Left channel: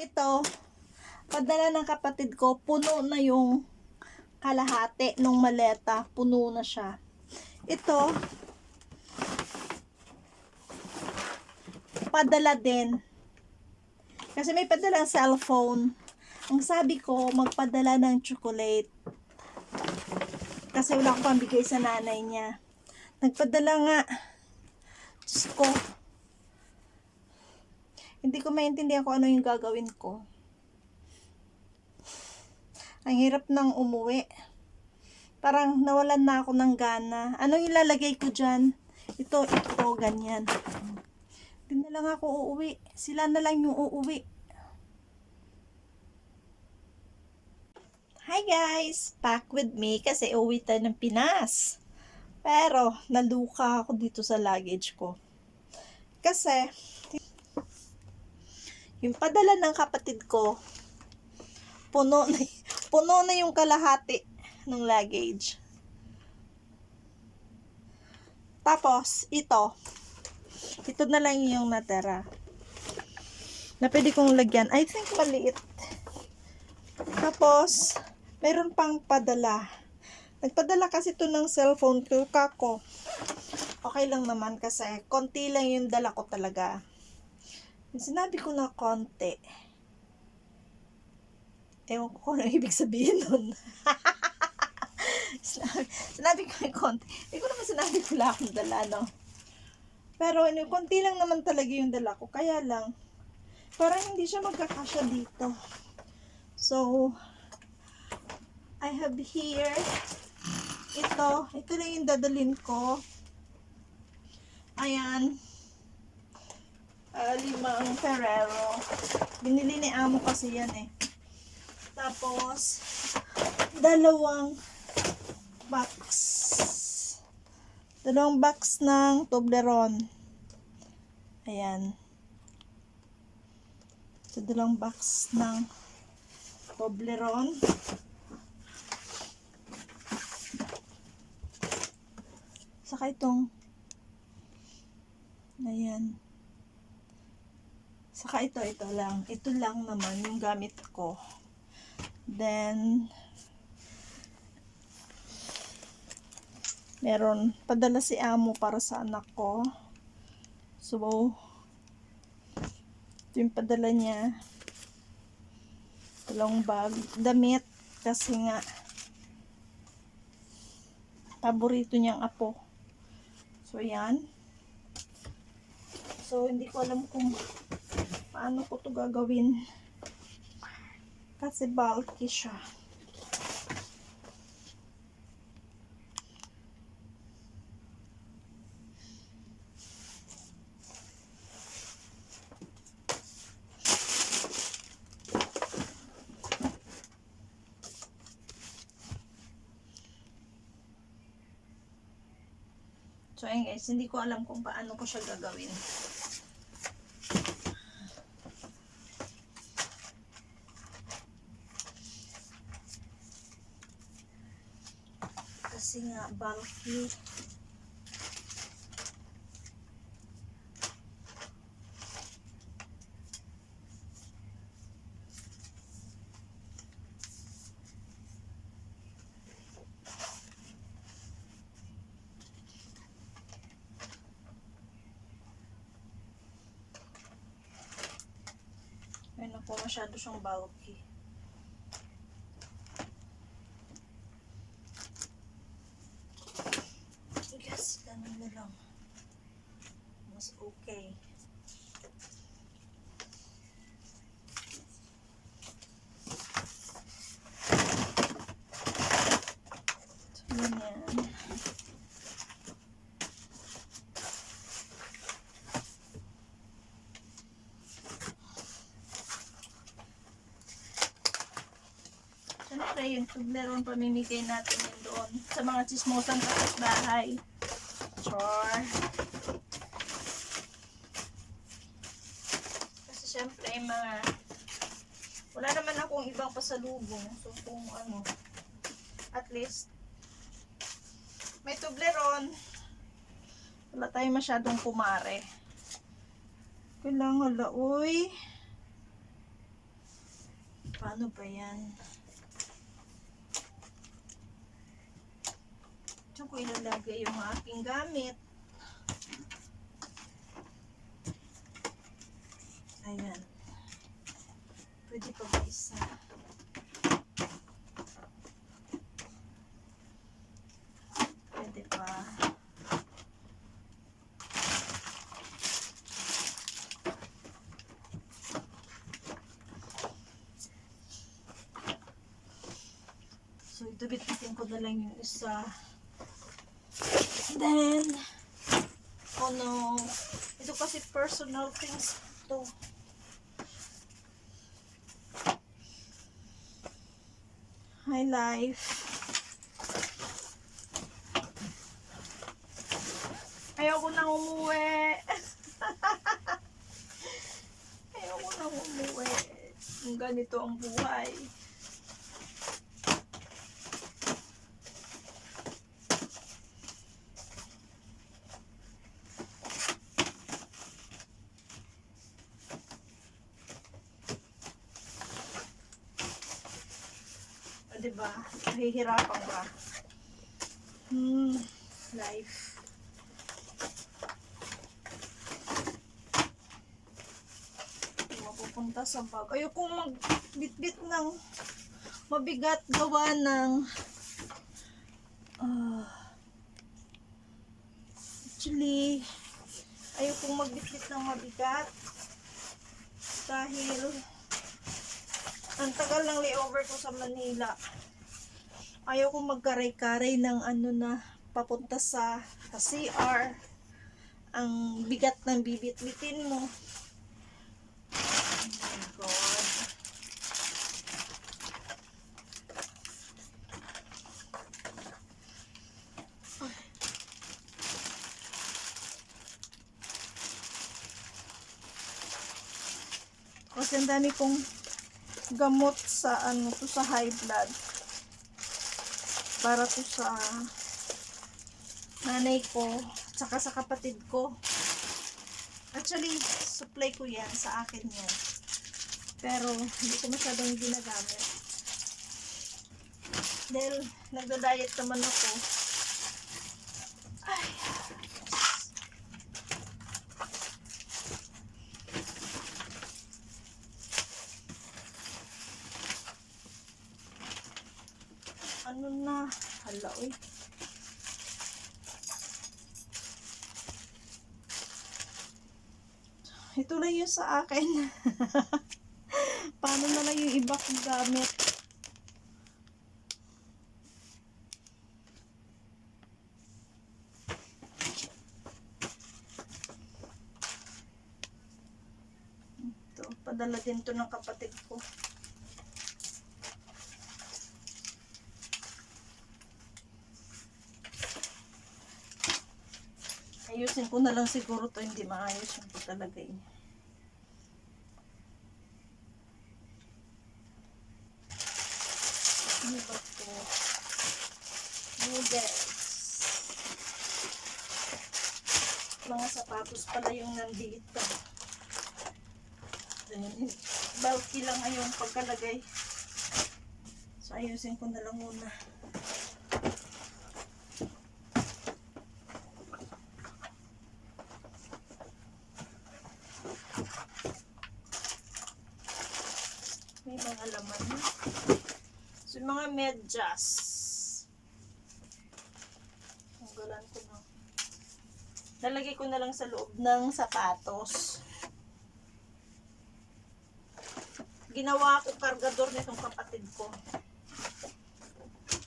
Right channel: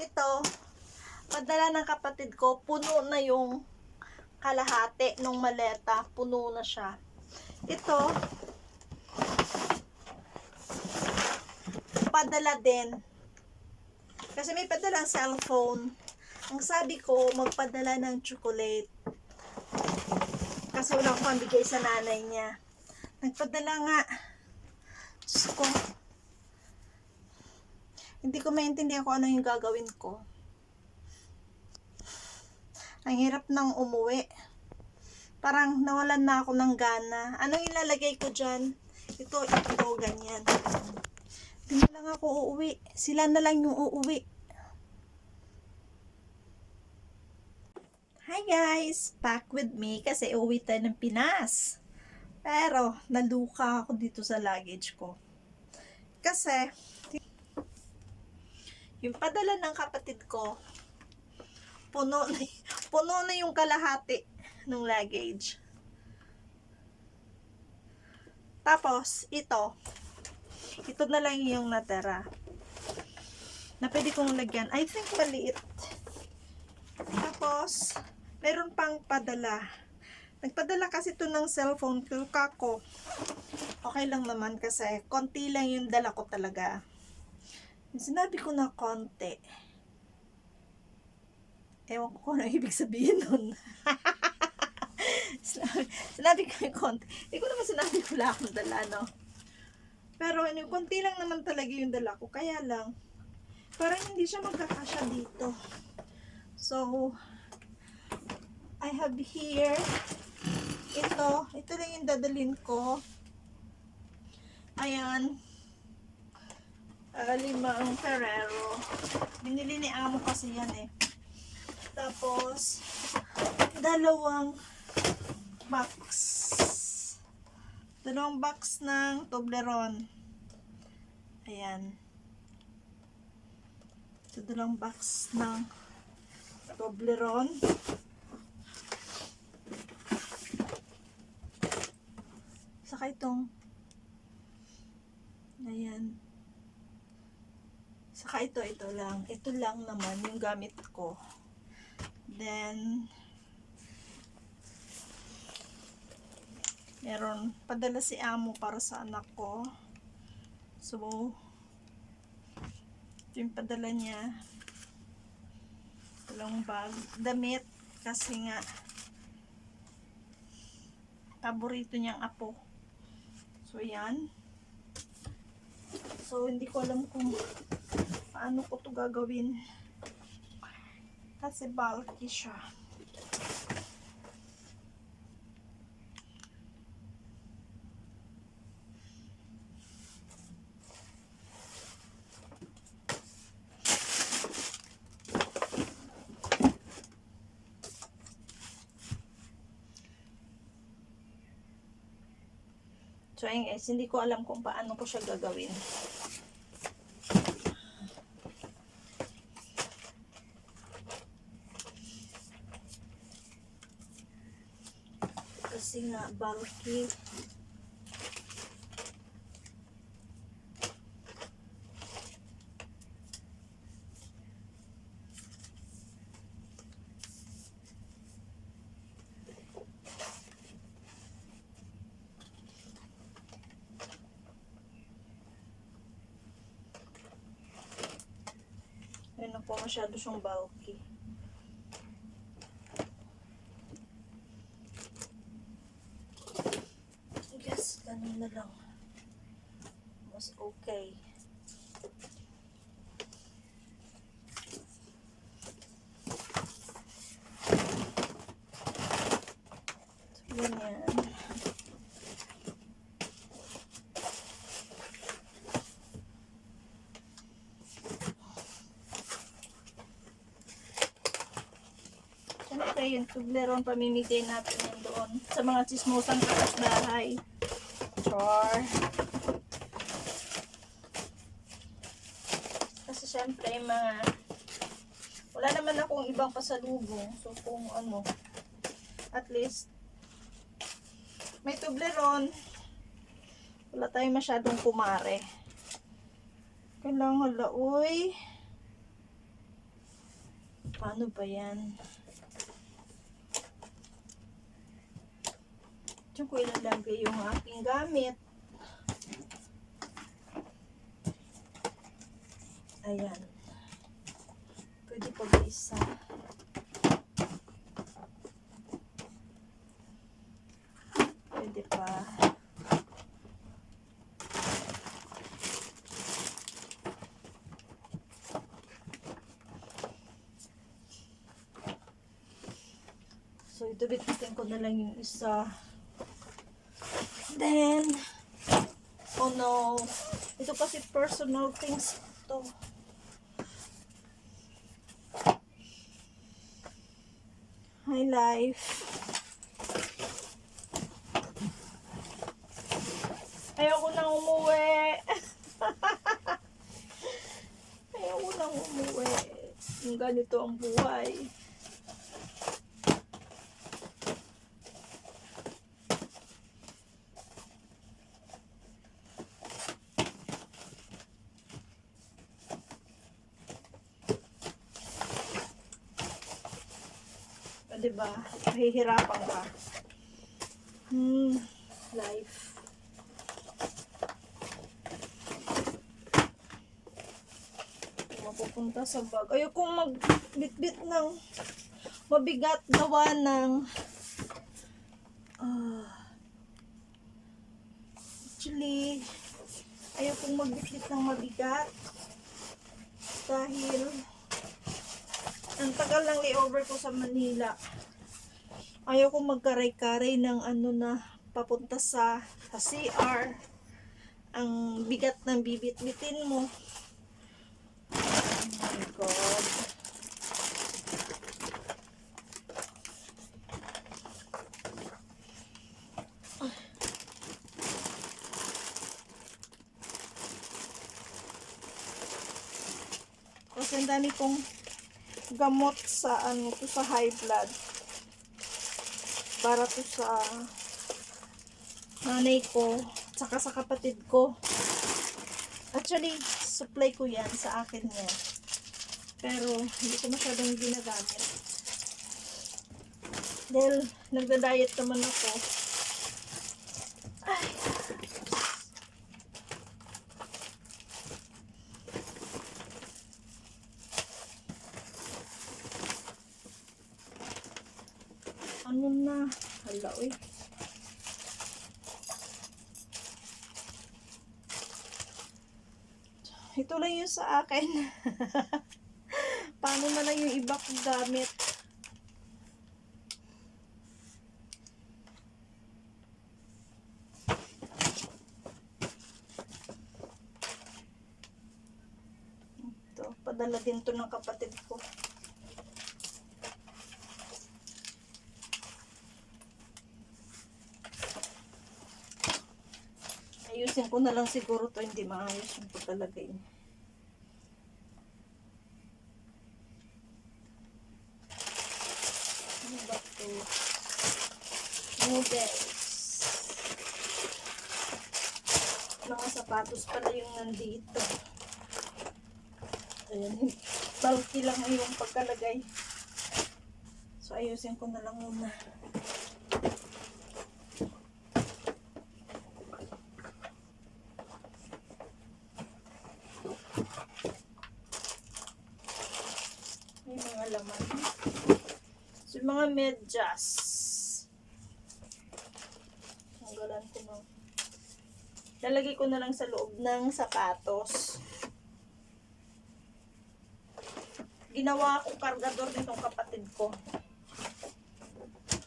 Ito, padala ng kapatid ko, puno na yung kalahati nung maleta. Puno na siya. Ito, padala din. Kasi may padala cellphone. Ang sabi ko, magpadala ng chocolate. Kasi wala akong pambigay sa nanay niya. Nagpadala nga. Diyos ko. Hindi ko maintindihan kung ano yung gagawin ko. Ang hirap nang umuwi. Parang nawalan na ako ng gana. Anong ilalagay ko dyan? Ito, ganyan. Hindi na lang ako uuwi. Sila na lang yung uuwi. Hi guys! Back with me kasi uuwi tayo ng Pinas. Pero, naluka ako dito sa luggage ko. Kasi, yung padala ng kapatid ko, puno na yung kalahati ng luggage. Tapos, ito na lang yung natira. Na pwede kong lagyan. I think maliit. Tapos, meron pang padala. Nagpadala kasi ito ng cellphone ko, kako. Okay lang naman kasi konti lang yung dala ko talaga. Sinabi ko na konti. Ewan ko kung ano ibig sabihin nun. sinabi ko yung konti. Hindi ko naman sinabi ko lang akong dala, no? Pero konti lang naman talaga yung dala ko. Kaya lang, parang hindi siya magkakasya dito. So, I have here, ito lang yung dadalhin ko. Ayan. 5 Ferrero. Binili ni amo kasi yan eh. Tapos, 2 box. 2 box ng Toblerone. Ayan. 2 box ng Toblerone. Saka itong ayan. Saka ito lang. Ito lang naman yung gamit ko. Then, meron padala si amo para sa anak ko. So, ito yung padala niya. 2 bag. Damit. Kasi nga, paborito niyang apo. So, yan. So, hindi ko alam kung paano ko to gagawin. Kasi bulky siya. So, ayun guys, hindi ko alam kung paano ko siya gagawin. Kasi nga, bulky. Ayun ako, masyado siyang bulky. Yes, ganun na lang. Mas okay. So, ganyan. Siyempre, yung Toblerone pamimigay natin yan doon sa mga chismosang kapitbahay. Char. Kasi siyempre, wala naman akong ibang pasalubong. So, kung ano, at least, may Toblerone. Wala tayong masyadong kumare. Kailangan uy. Paano ba yan? Diyan ko ilalagay yung aking gamit. Ayan. Pwede pa ba isa? Pwede pa. So, ito bitbitin ko na lang yung isa. Then, oh no. Ito kasi personal things to. Hi, life. Ayoko nang umuwi. Ayoko nang umuwi. Yung ganito ang buhay. Diba? Mahihirapan ka. Life. Mapupunta sa bag. Ayokong magbitbit ng mabigat gawa ng actually ayokong magbitbit ng mabigat dahil ang tagal ng layover ko sa Manila. Ayaw kong magkaray-karay ng ano na papunta sa CR. Ang bigat ng bibit-bitin mo. Oh my God. Kasi ang dami kong gamot sa ano to sa high blood. Para to sa nanay ko, tsaka sa kapatid ko. Actually, supply ko yan, sa akin yan. Pero, hindi ko masyadong ginagamit. Dahil, nagda-diet naman ako. Ay. Ano na? Hala, uy. Ito lang yung sa akin. Paano na lang yung iba kong gamit? Ito, padala din to ng kapatid ko. Ayusin ko na lang siguro to, hindi maayos yung pagkalagay. Ano ba to? Noodles. Mga sapatos pala yung nandito. Ayan, bulky lang ay yung pagkalagay. So ayusin ko na lang muna. May mga laman. So yung mga medyas. Tanggalan ko na. Lalagay ko na lang sa loob ng sapatos. Ginawa ko kargador nitong kapatid ko.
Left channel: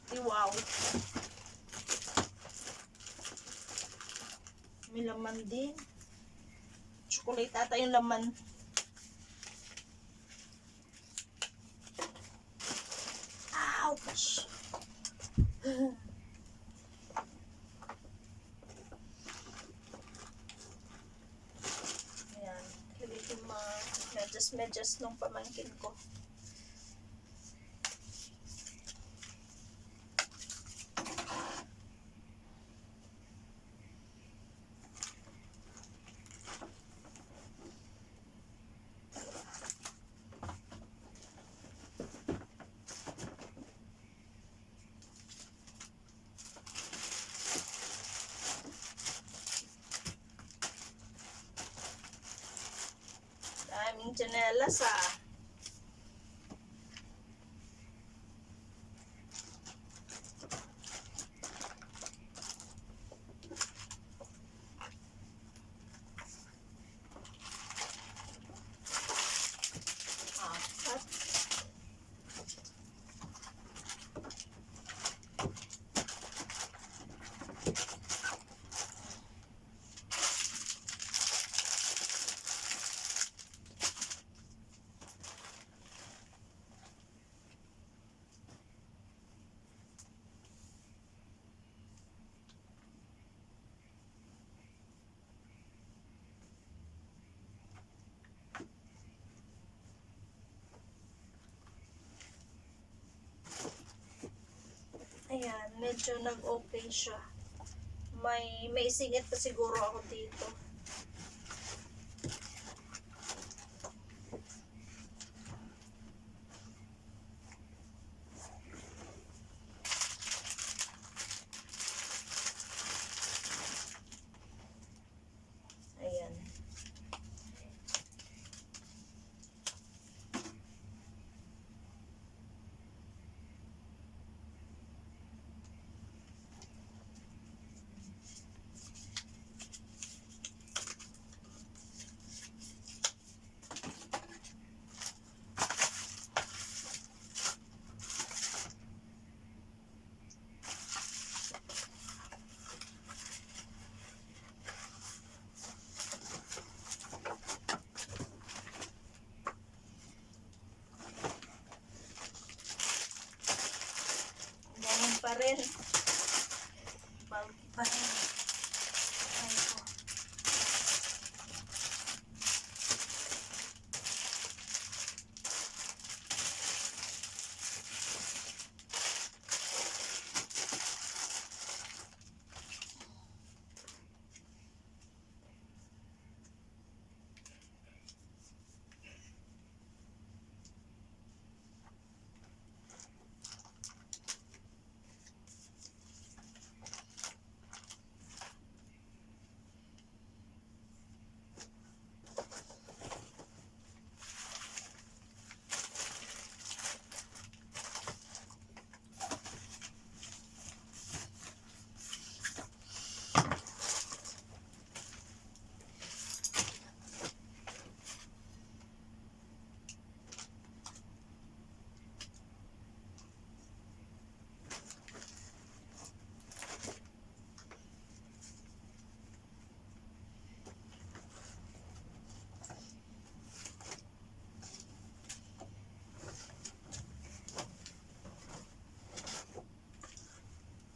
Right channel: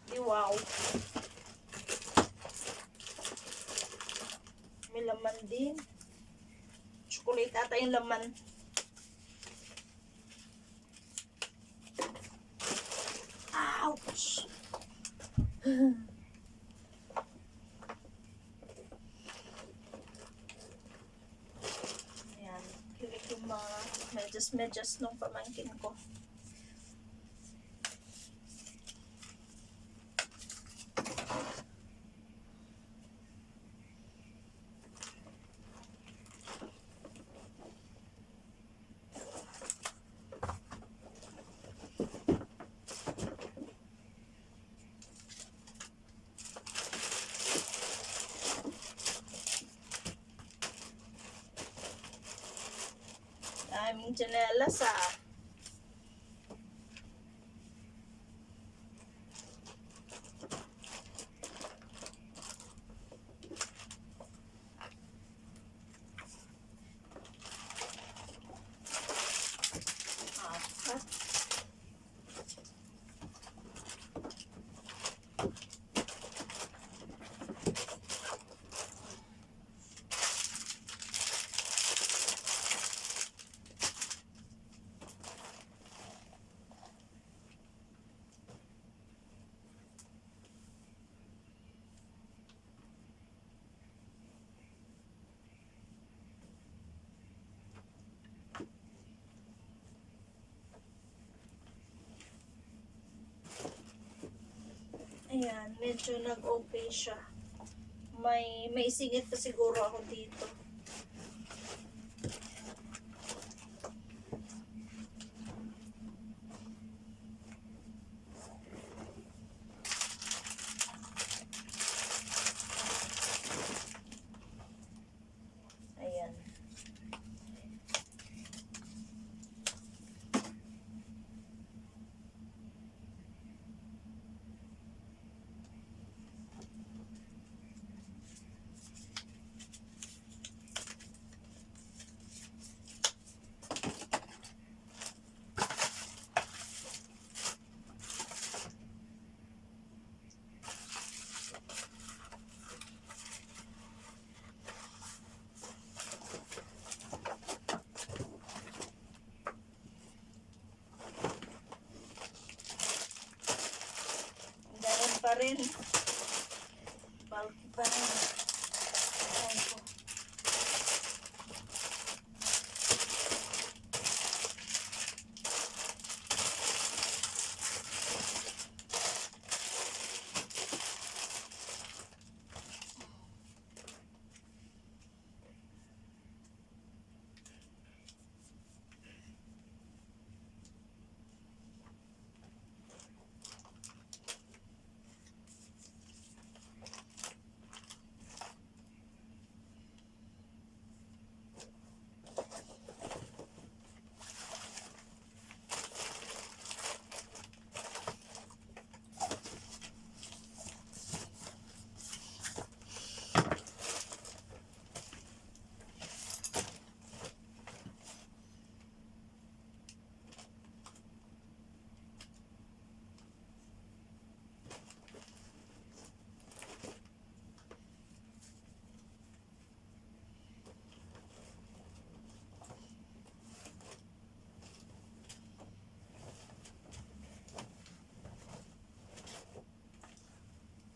Di wow. May laman din. Chocolate ata yung laman. Ouch! Ayan. Lagay ko mga medyas nung pamangkin ko. daming tsinelas ah. Apat. Ayan, medyo nag-okay siya. May singit pa siguro ako dito. Ayan. Ganun pa rin. Bulky pa rin. Ayan ko.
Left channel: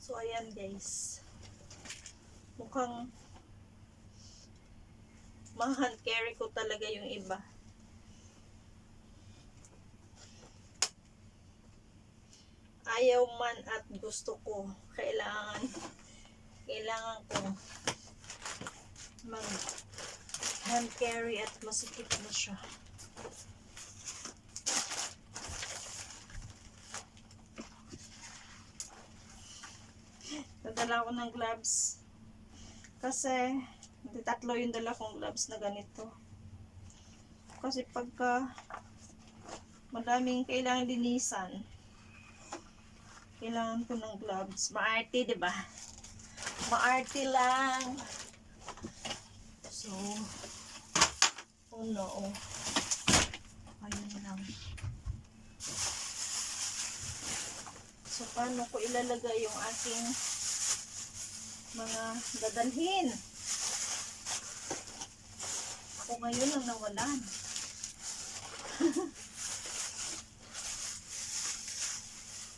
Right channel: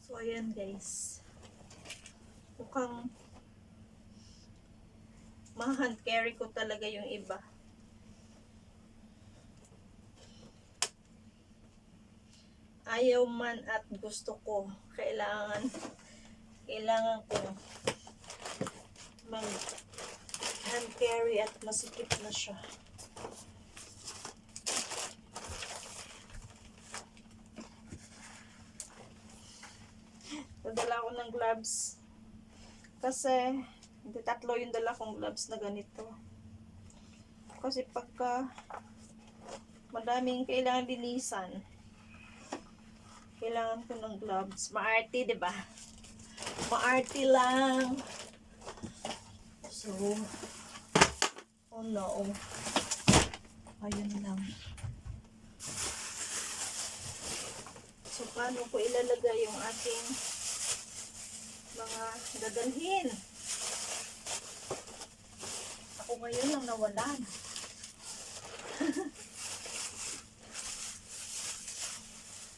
So, ayan guys. Mukhang ma-hand carry ko talaga yung iba. Ayaw man at gusto ko. Kailangan kong mag hand carry at masikip na siya. Nadala ko ng gloves kasi tatlo yung dala kong gloves na ganito. Kasi pagka madaming kailangan linisan, kailangan ko ng gloves. Maarte, 'di ba? Maarte lang. So, oh no. Ayun lang. So, paano ko ilalagay yung aking mga dadalhin? Ako ngayon ang nawalan.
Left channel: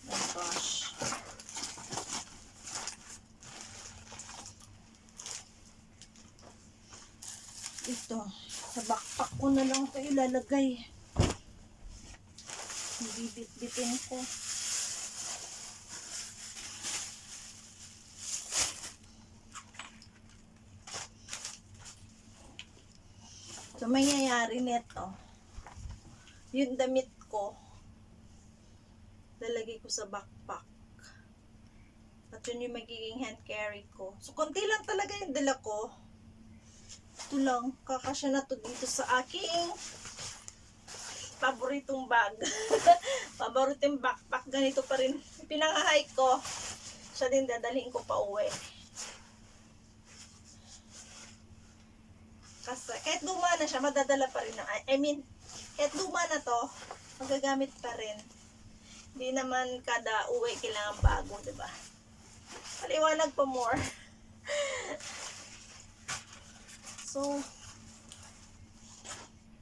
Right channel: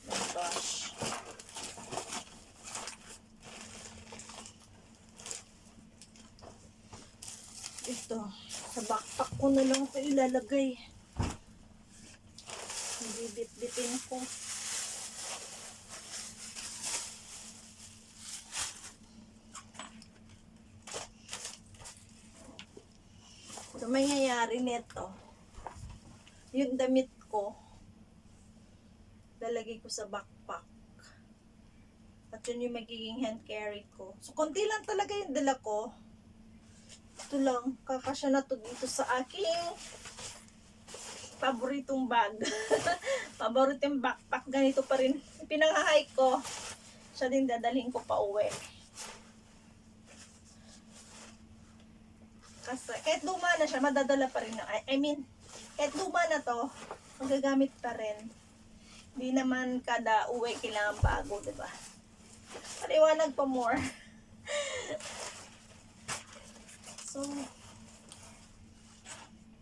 Oh gosh. Ito, sa backpack ko na lang ito ilalagay. Bibit-bitin ko. So, mangyayari nito, yung damit ko, lalagay ko sa backpack. At yun yung magiging hand carry ko. So, konti lang talaga yung dala ko. Ito lang, kakasya na to dito sa aking paboritong bag. Paboritong backpack. Ganito pa rin. Pinang-hike ko. Siya din dadalhin ko pa uwi. Kasi kahit luma na siya, madadala pa rin. Kahit luma na to, magagamit pa rin. Hindi naman kada uwi kailangan bago, diba? Paliwanag pa more. So,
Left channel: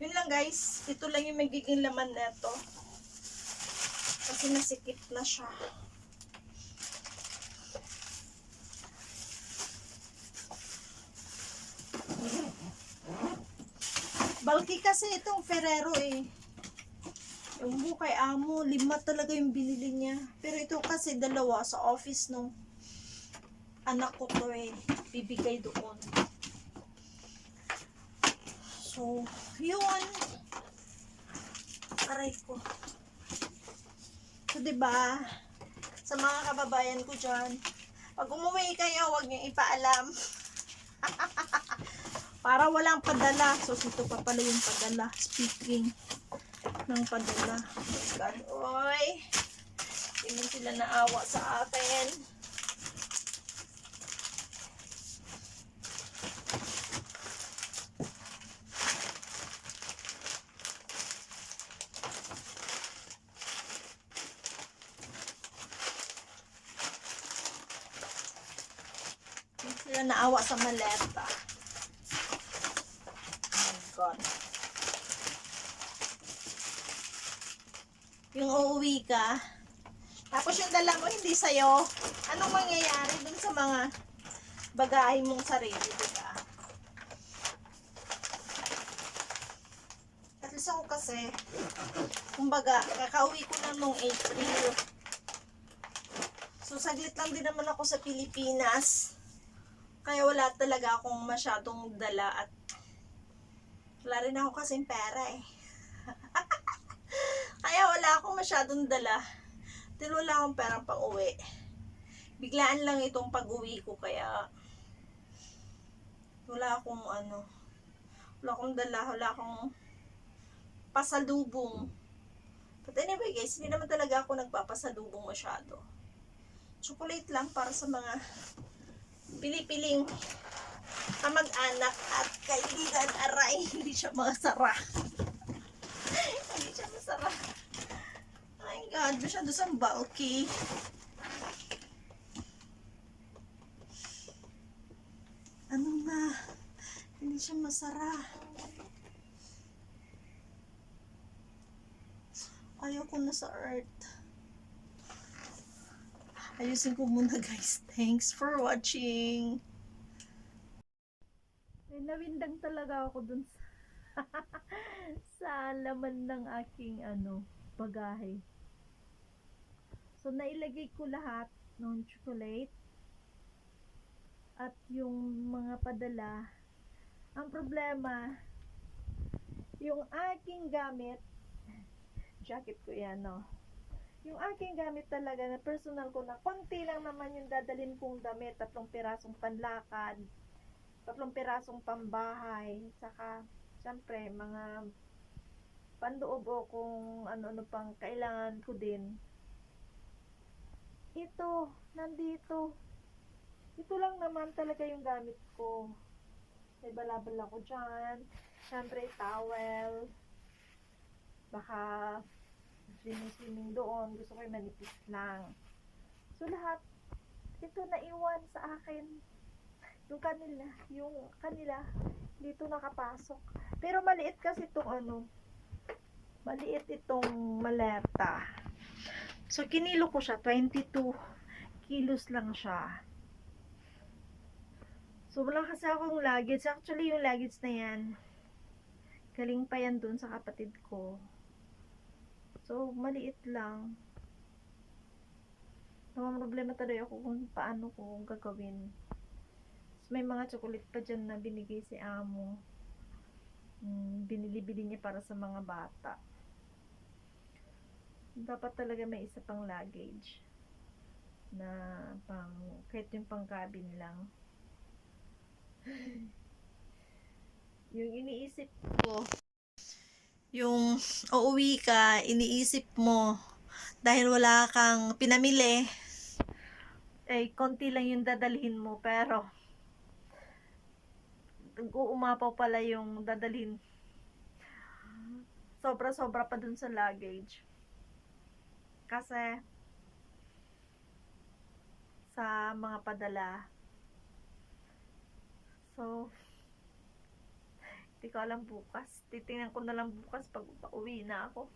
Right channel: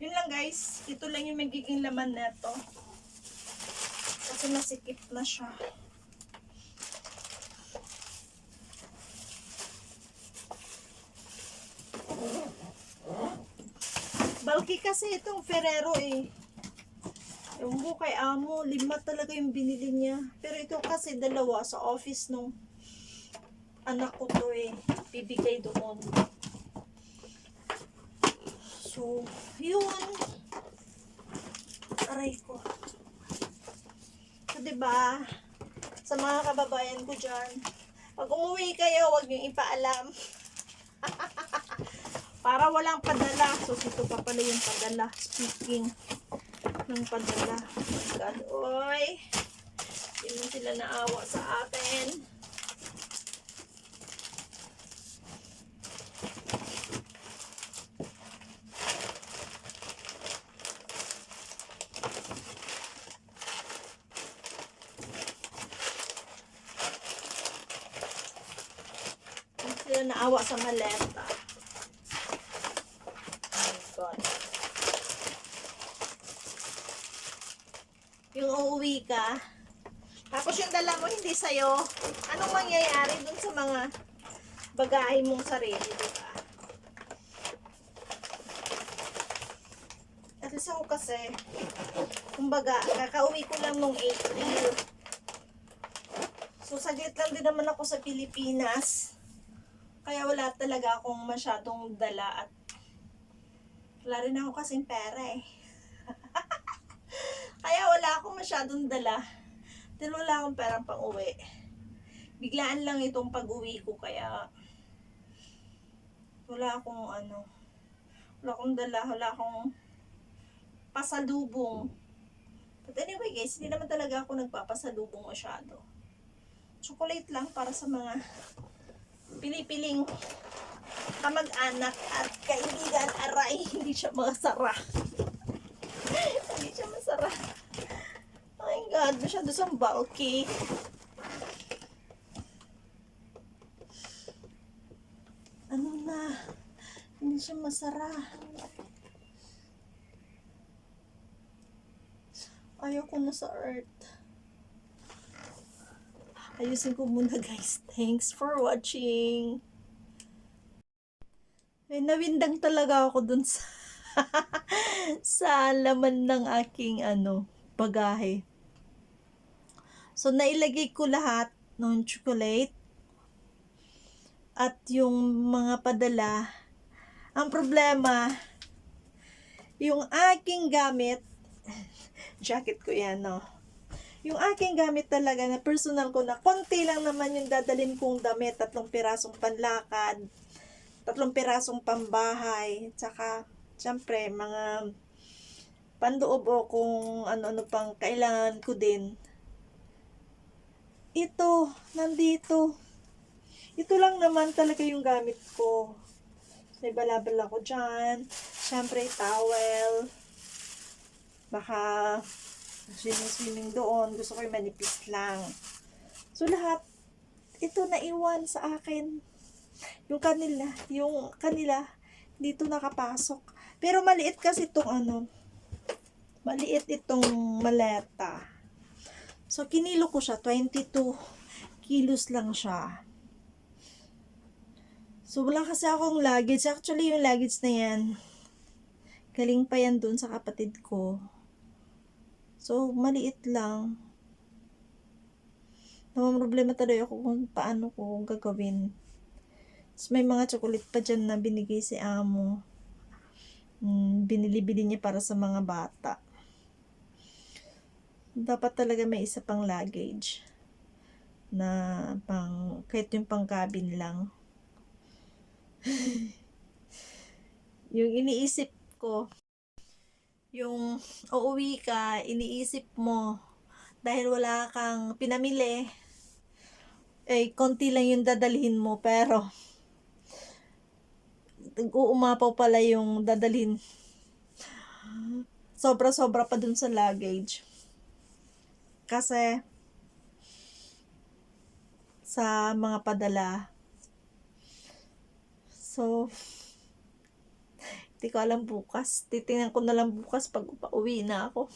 yun lang guys. Ito lang yung magiging laman na to. Kasi nasikip na siya. Bulky kasi itong Ferrero eh. Yung kay amo, 5 talaga yung binili niya. Pero ito kasi 2 sa office nung anak ko to eh. Bibigay doon. So, yun. Aray ko. So, diba? Sa mga kababayan ko dyan, pag umuwi kayo, huwag niyong ipaalam. Para walang padala. So, ito pa pala yung padala. Speaking ng padala. God, oy. Hindi sila naawa sa akin. Hindi sila naawa sa maleta. God. Yung uuwi ka, tapos yung dala mo hindi sa'yo, anong mangyayari dun sa mga bagahe mong sarili, diba? At least ako kasi, kumbaga, kakauwi ko lang nung April. So, saglit lang din naman ako sa Pilipinas. Kaya wala talaga akong masyadong dala at wala rin ako kasing pera eh. Kaya wala akong masyadong dala. Dahil wala akong perang pang uwi. Biglaan lang itong pag-uwi ko kaya wala akong wala akong dala, wala akong pasalubong. But anyway guys, hindi naman talaga ako nagpapasalubong masyado. Chocolate lang para sa mga pinipiling kamag-anak at kaibigan. Aray, hindi siya masara. Hindi siya masara. Oh my God, masyado siyang bulky. Ano na? Hindi siya masara. Ayoko na sa earth. Ayusin ko muna guys. Thanks for watching. May nawindang talaga ako dun sa sa laman ng aking bagahe. So nailagay ko lahat ng chocolate at yung mga padala. Ang problema, yung aking gamit, jacket ko yan, no? Yung aking gamit talaga na personal ko na konti lang naman yung dadalhin kong damit, 3 pirasong panlakad, 3 pirasong pambahay, tsaka syempre mga pandoob o kung ano-ano pang kailangan ko din. Ito, nandito. Ito lang naman talaga yung gamit ko. May balabal ako dyan. Syempre towel. Baka swimming doon. Gusto ko yung manipis lang. So lahat, ito naiwan sa akin. Yung kanila, dito nakapasok. Pero maliit kasi itong maliit itong maleta. So kinilo ko siya, 22 kilos lang siya. So wala kasi akong luggage. Actually yung luggage na yan, galing pa yan dun sa kapatid ko. So maliit lang. Namang problema talaga ako kung paano ko gagawin. So, may mga chocolate pa dyan na binigay si amo. Binili-bili niya para sa mga bata. Dapat talaga may isa pang luggage na kahit yung pang cabin lang. Yung iniisip ko, Yung uuwi ka, iniisip mo, dahil wala kang pinamili, eh, konti lang yung dadalhin mo, pero uumapaw pala yung dadalhin. Sobra-sobra pa dun sa luggage. Kasi, sa mga padala. So, hindi ko alam bukas. Titingnan ko na lang bukas pag pauwi na ako.